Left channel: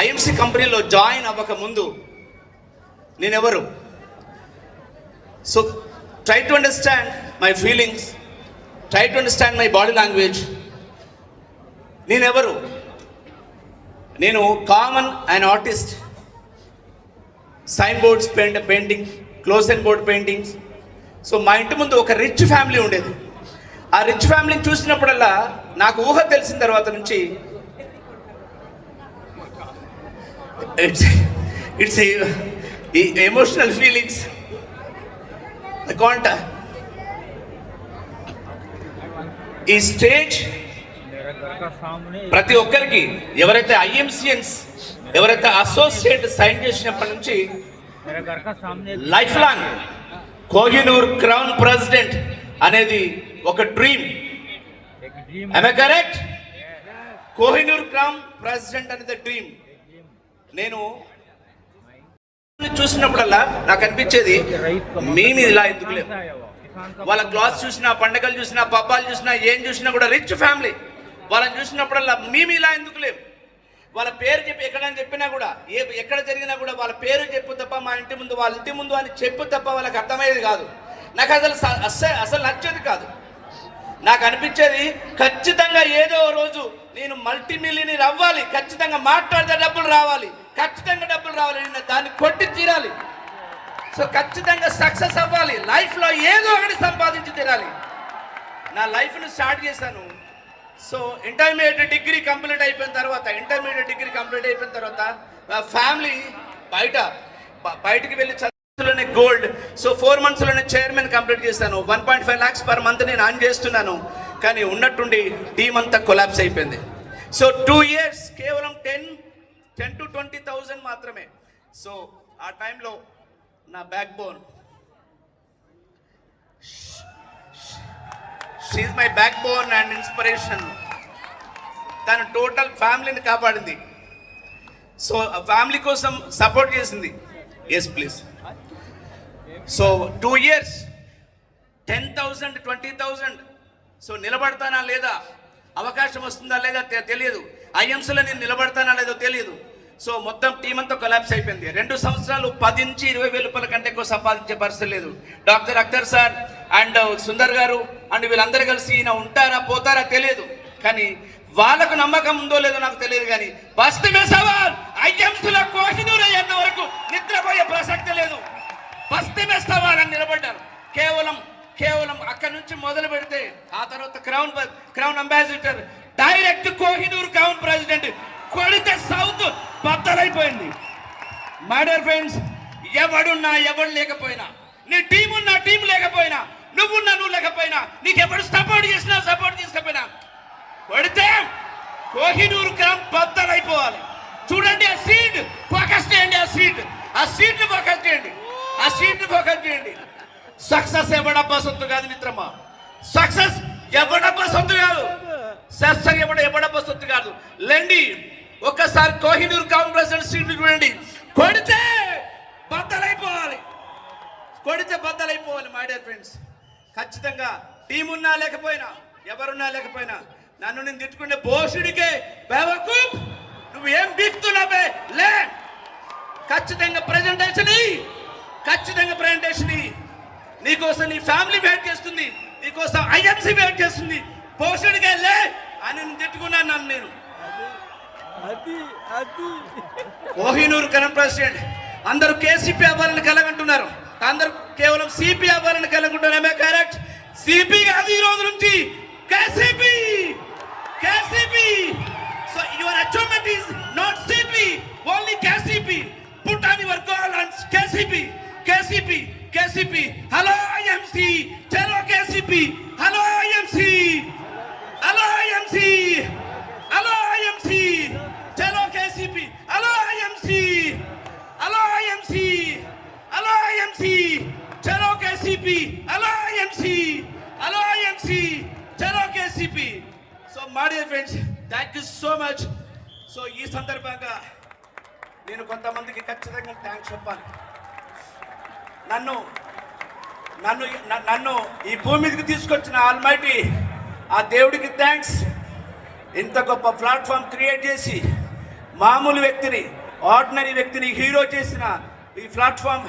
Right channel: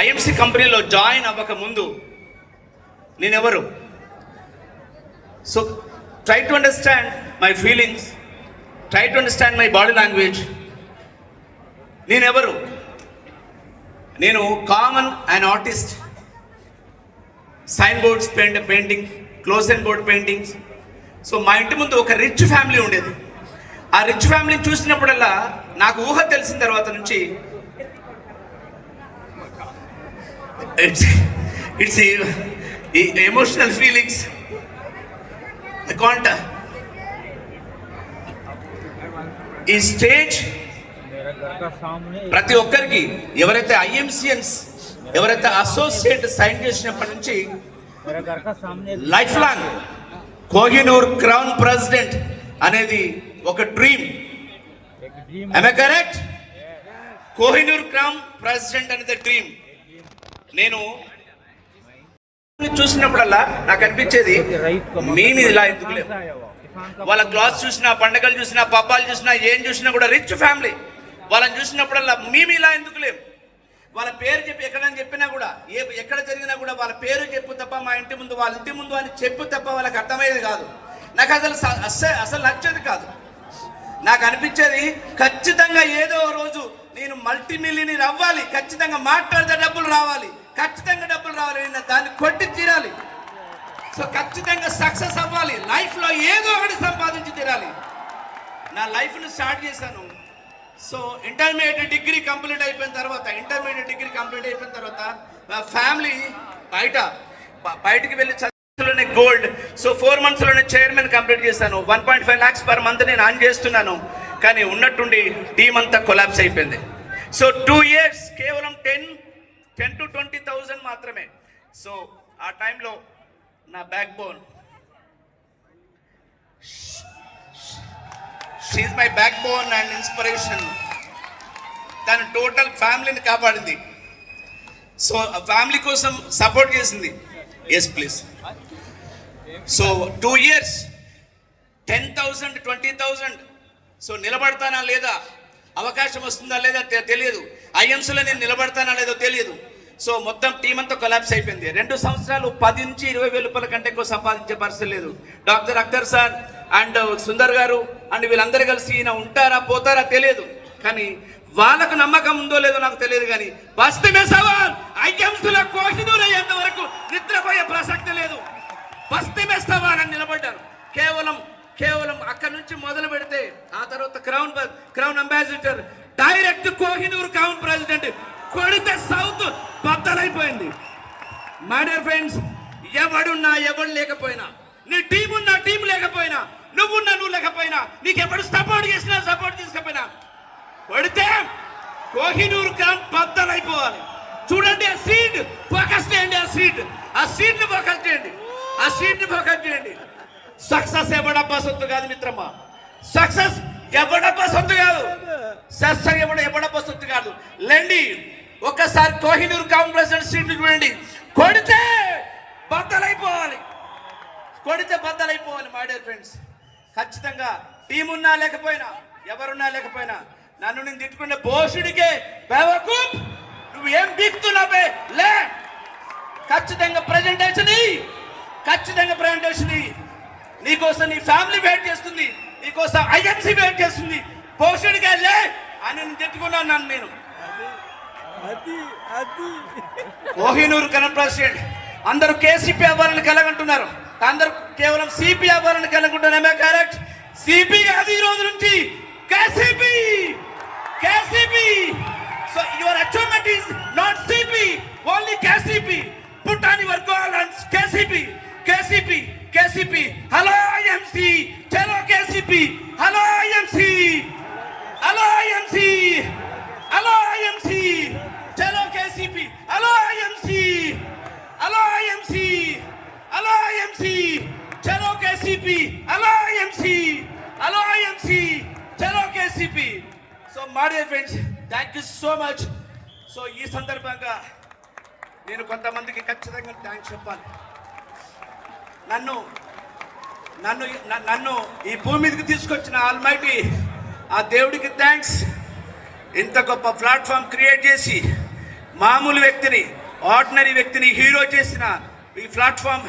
IMC కంపెనీలో join అవ్వక ముందు నేనెవరు? So try to understand my feelings, try to understand my body language. నేనెవరు? నేను common and artist. Sign boards painting, close and board paintings. So మా ఇంటి ముందు ఒక రిచ్ ఫ్యామిలీ ఉండేది. ఆ రిచ్ ఫ్యామిలీని చూసినప్పుడల్లా నాకు ఊహ తెలిసిన తర్వాత నుంచి ఇట్స్ ఎమోషనల్ ఫీలింగ్స్. ఈ స్టేజ్ ప్రతి ఒక్కరికి, ఎవరైతే ఐఎంసిఎన్స్, ఎవరైతే అసోసియేట్ సైన్ చేసినప్పటి నుంచి life long Kohinoor crown president అనేది ఒక dream. am I correct? Kohinoor crown president అనేది డ్రీమ్. నేను చూసినప్పుడల్లా నాకు అనిపించేది, మేము ఇలా ఎందుకు లేవు. వాళ్ళ క్లాస్ చూసినా, పండగలు చూసినా, పబ్బాలు చూసినా, ఏం చూసినా కూడా రిచ్ ఫ్యామిలీ. వాళ్ళని చూసినప్పుడల్లా మేము ఇలా ఎందుకు లేవు. వాళ్ళ పేరు చెప్పి ఎక్కడని చెప్పినా కూడా, ఎక్కడ జరిగినా కూడా వాళ్ళ పేరు చెప్పు తప్ప, మా ఇంటి ముందు, వాళ్ళ ఇంటి ముందు అని చెప్పు తప్ప వాళ్ళకి అర్థమయ్యేది కాదు. నాకు అసలు నచ్చేది కాదు. నాకు అనిపించేది, ఖచ్చితంగా ఏదో రోజు నేను మల్టీ మిలియనీర్ అవ్వాలి, ఖచ్చితంగా మాట్లాడితే డబ్బులు రావాలి, ఖచ్చితంగా డబ్బులు రావాలి, నేను దాన్ని కొట్టి తీరాలి. సో ఖచ్చితంగా సక్సెస్ అవ్వాలి, లైఫ్లో ఏదో ఒకటి సంపాదించి తీరాలి. నా లైఫ్ని స్టార్ట్ చేశాను. సో ఇంటర్మీడియట్ డిగ్రీ కంప్లీట్ అయిపోయిన తర్వాత మా ఫ్యామిలీ బయటికి వెళ్ళి చదువులోనే గోల్డ్. సో 4 monthsలోనే చైర్మన్ కంప్లీట్ చేశాను. 1.5 lakhs per month నేను అర్న్ చేస్తున్నాను. కానీ ఉన్నట్టుండి టీం అంతా కొలాప్స్ అయిపోయింది. సో 2 years కేవలం 10 to 20,000 మాత్రమే. సో ఆ టైంలో నా backbone, she my backbone and inspiration. తను టోటల్ ఫ్యామిలీని కాపాడింది. సో ఆ ఫ్యామిలీ కోసం సపోర్ట్ చేసింది. Yes please. So 2 years 10,000 20,000. సో నిలబడతానా లేదా, అవకాశం వస్తుందా లేదా తెలియదు. ఐఎంసీలో నేను నిలబడతానా లేదో తెలియదు. సో మొత్తం టీం అంతా కొలాప్స్ అయిపోయింది. 2 సంవత్సరాలు 10 నుంచి 20,000 రూపాయల కంటే ఎక్కువ సంపాదించే పరిస్థితి లేదు. Doctor Akhtar sir and Sundar గారు అండ్ వీళ్ళందరూ కలిసి ఈయన ఉంటారా పోతారా తెలియదు, కానీ వాళ్ళకు నమ్మకం ఉందో లేదో నాకు తెలియదు. కానీ బస్తీ సవాల్ ఐఎంసీలో కోహినూర్ అయ్యేంత వరకు నిద్రపోయే ప్రసక్తి లేదు. బస్తీ సవాల్ అని నిలబడ్డారు. కేవలం అక్కడి నుంచి మొదలు పెడితే ఆ తర్వాత crown ambassador, direct Kohinoor crown president, కొడితే సౌత్ బద్దలైపోయింది. మై డియర్ ఫ్రెండ్స్, ఎవడున్నా ఎవడు లేకపోయినా, నీ టీం ఉన్నా టీం లేకపోయినా, నువ్వున్నా నువ్వు లేకపోయినా, నీకు ఎవడు సపోర్ట్ చేసినా సపోర్ట్ చేసుకోకపోయినా, కొడితే కోహినూర్ క్రౌన్ బద్దలైపోవాలి. చూడండి ఆ సీట్, ఫోకస్ చేయండి. ఆ సీట్ ని ఫోకస్ చేయండి. సక్సెస్ ఎవడబ్బా సొత్తు కాదు మిత్రమా. సక్సెస్ ఎవడబ్బా సొత్తు కాదు. ఎవడబ్బా సొత్తు కాదు. లేండి ఒక్కసారి కోహినూర్ క్రౌన్ ప్రెసిడెంట్ సీట్ చూడండి. కొడితే బద్దలైపోవాలి. మై డియర్ ఫ్రెండ్స్, ఖచ్చితంగా టీం ఉన్నా లేకపోయినా, ఎవరున్నా లేకపోయినా, నన్ను నేను తిట్టుకునే భోషుడికే బేవకూఫ్, నువ్వు ఏం బీక్తున్నావే లే, ఖచ్చితంగా ప్రజెంటేషన్ నీకోసం నీ ఫ్యామిలీ వెయిట్ చేస్తుంది, నీకోసం ఐఎంసీ వెయిట్ చేస్తుంది. భోషుడికే లే అని నేను తిట్టుకున్నాను. నేను కోహినూర్ క్రౌన్ ప్రెసిడెంట్. అందరూ కేసీపీ అవ్వాలని కలగంటున్నారు, అందరూ కేవలం సిపి అవ్వాలని కలగంటున్నారు. కరెక్ట్? సిపి కాదు, ఈ రోజు నుంచి KCP. So your achievement is not CP, only KCP. Put on your goal and KCP. Hello IMC, చలో కేసీపీ. హలో ఐఎంసీ, చలో కేసీపీ. హలో ఐఎంసీ, చలో కేసీపీ. చలో KCP. So my dear friends, thank you so much. So ఈ సందర్భంగా నేను కొంతమందికి ఖచ్చితంగా thanks చెప్పాలి. నన్ను ఈ భూమి మీదకి తీసుకొచ్చిన ఆల్మైటీ ఆ దేవుడికి థ్యాంక్స్. ఇంత గొప్ప ప్లాట్ఫామ్ క్రియేట్ చేసి మామూలు వ్యక్తిని, ఆర్డినరీ వ్యక్తిని హీరో చేసిన ఈ ప్లాట్ఫామ్